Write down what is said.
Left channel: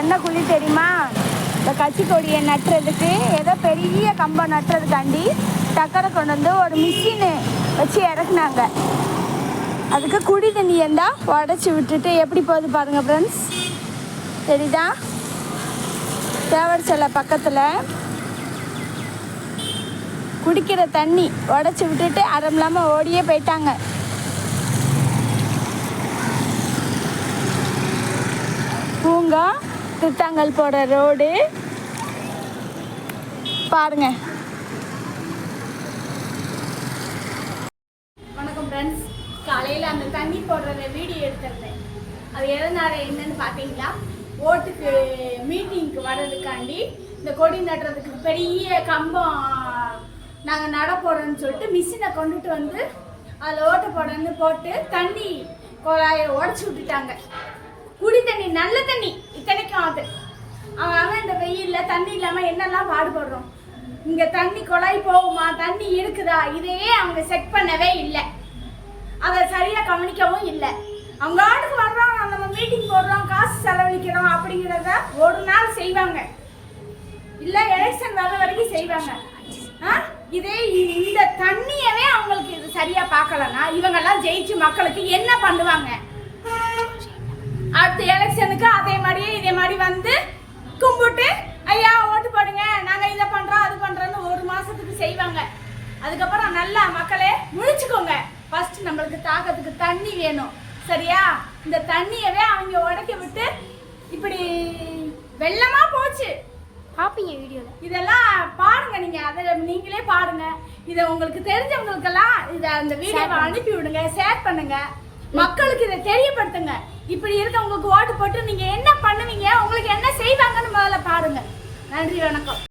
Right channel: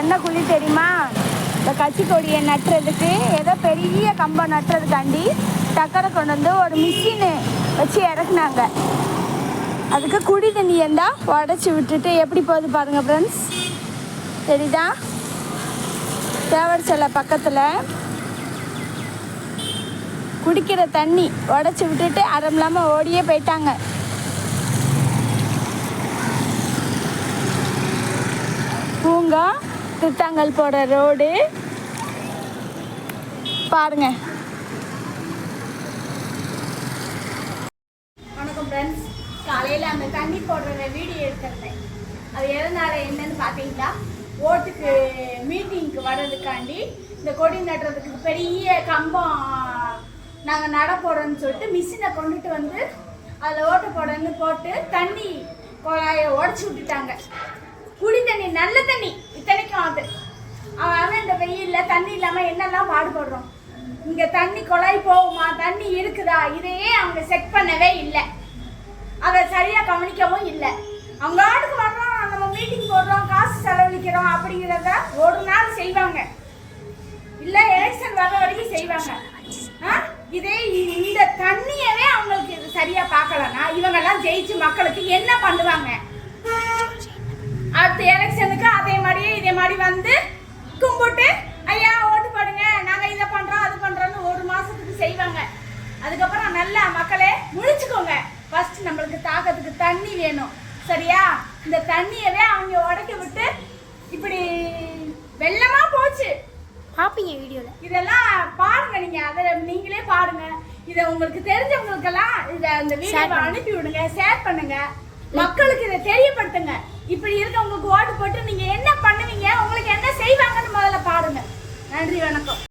என்ன குழி தெரியுமா? இந்த கட்சி கொடியை நட்டுறதுக்கு ஏதோ பெரிய கம்பம் நட்டுறதுக்காண்டி டக்கரை கொண்டு வந்து ஒரு மிஷினு வச்சு இறக்குனாங்க. அதுக்கு குடி தண்ணி இருந்தால் உடச்சி விட்டுட்டு எப்படி போகுது பாருங்க ஃப்ரெண்ட்ஸ். சரிதா? தேவர் சிலை பக்கத்தில் குடிக்கிற தண்ணி உடச்சி விட்டுட்டு அறம் இல்லாமல் ஓடியே போயிட்டாங்க. பூங்கா திட்டாங்கல் போகிற ரோடு பாருங்க. வணக்கம் ஃப்ரெண்ட்ஸ். காலையில் அந்த தண்ணி போடுறத வீடியோ எடுத்துருந்தேன். அது எதனால என்னன்னு பார்த்தீங்களா, ஓட்டுக்கு மீட்டிங்க்கு வர்றதுக்காண்டி இந்த கொடி நட்டுறதுக்கு பெரிய கம்பம் நாங்கள் நட போகிறோன்னு சொல்லிட்டு மிஷினை கொண்டுட்டு வந்து அதில் ஓட்டு போடன்னு போட்டு தண்ணி குழாயை உடச்சி விட்டுட்டாங்க. குடி தண்ணி நல்ல தண்ணி இத்தனைக்கும் அது அவன் இந்த வெயிலில் தண்ணி இல்லாமல் என்னெல்லாம் பாடுபடுறோம். இங்கே தண்ணி குழாய் போகுமா, தண்ணி இருக்குதா, இதையே அவங்க செக் பண்ணவே இல்லை. அதை சரியாக கவனிக்கவும் இல்லை. அவங்க ஆட்டுக்கு வர்றோம், நம்ம மீட்டிங் போடுறோம், காசு செலவழிக்கிறோம் அப்படிங்கிறத ஒரு நாள் செய்வாங்க, இல்லை எலெக்ஷன் வர வரைக்கும் செய்வாங்க. இதே இந்த தண்ணியவே அவங்களுக்கு இது சரியாக பார்க்கலன்னா இவங்கெல்லாம் ஜெயிச்சு மக்களுக்கு என்ன பண்ணுவாங்க? அடுத்த எலெக்ஷனுக்கு அதே மாதிரியே இதே மாதிரி வந்து கும்பிட்டு ஐயா ஓட்டு போடுங்க, நாங்கள் இதை பண்ணுறோம் அது பண்ணுறோன்னு ஒரு மாதத்துக்கு செய்வாங்க. அதுக்கப்புறம் நல்லா மக்களே முழிச்சுக்கோங்க. ஃபர்ஸ்ட் நம்மளுக்கு தாக்கத்துக்கு தண்ணி வேணும், சரியா? இந்த தண்ணியவே அவங்க உடைக்க விட்டு இப்படி வெள்ளமா போச்சு. பார்ப்பீங்க வீடியோவில், இதெல்லாம் பாருங்க. நீங்கள் அதை நீங்களே பாருங்க. இதை உங்களுக்கு தெரிஞ்சவங்களுக்கெல்லாம் இதை அந்த வீடியோவை அனுப்பி விடுங்க, ஷேர் பண்ணுங்க, மக்களுக்கு இதை தெரியப்படுத்துங்க. இப்படி இருக்க உங்களுக்கு ஓட்டு போட்டு நீங்க என்ன பண்ணுவீங்க, உங்களுக்கு என்ன செய்வாங்கன்னு முதல்ல பாருங்க. நன்றி, வணக்கம்.